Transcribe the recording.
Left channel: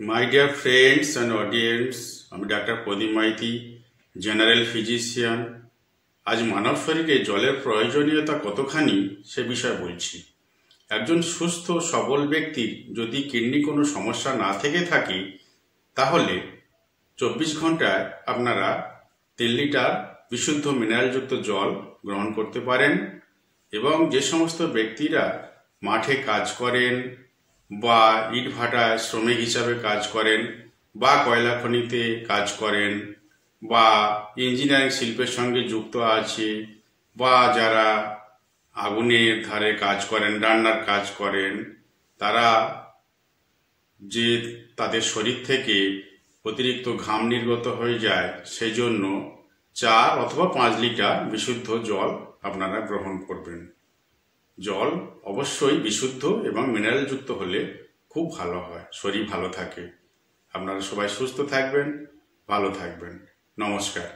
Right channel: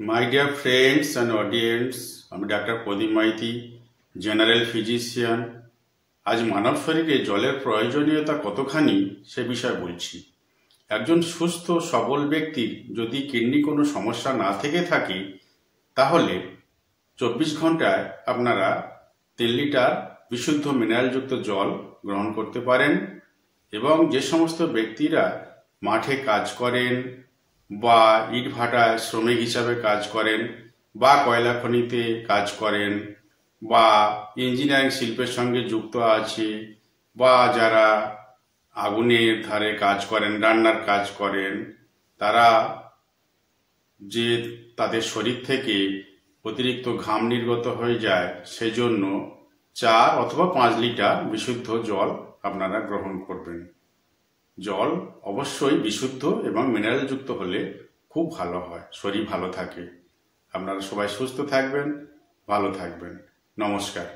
My dear friends and audience, আমি doctor প্রদীপ Maiti, general physician. আজ মানব শরীরে জলের প্রয়োজনীয়তা কতখানি সে বিষয়ে বলছি। একজন সুস্থ সবল ব্যক্তির যদি কিডনি কোনো সমস্যা না থেকে থাকে তাহলে 24 ঘন্টায় আপনারা 3 লিটার বিশুদ্ধ মিনারেলযুক্ত জল গ্রহণ করতে পারেন। এবং যে সমস্ত ব্যক্তিরা মাঠে কাজ করেন বা ইটভাটায় শ্রমিক হিসাবে কাজ করেন বা কয়লা খনিতে কাজ করেন বা ইঞ্জিনিয়ারিং শিল্পের সঙ্গে যুক্ত আছে বা যারা আগুনের ধারে কাজ করেন, রান্নার কাজ করেন, তারা যে তাদের শরীর থেকে অতিরিক্ত ঘাম নির্গত হয়ে যায় সেজন্য 4 অথবা 5 লিটার বিশুদ্ধ জল আপনারা গ্রহণ করবেন। জল অবশ্যই বিশুদ্ধ এবং মিনারেলযুক্ত হলে খুব ভালো হয়, শরীর ভালো থাকে। আপনারা সবাই সুস্থ থাকবেন, ভালো থাকবেন। নমস্কার।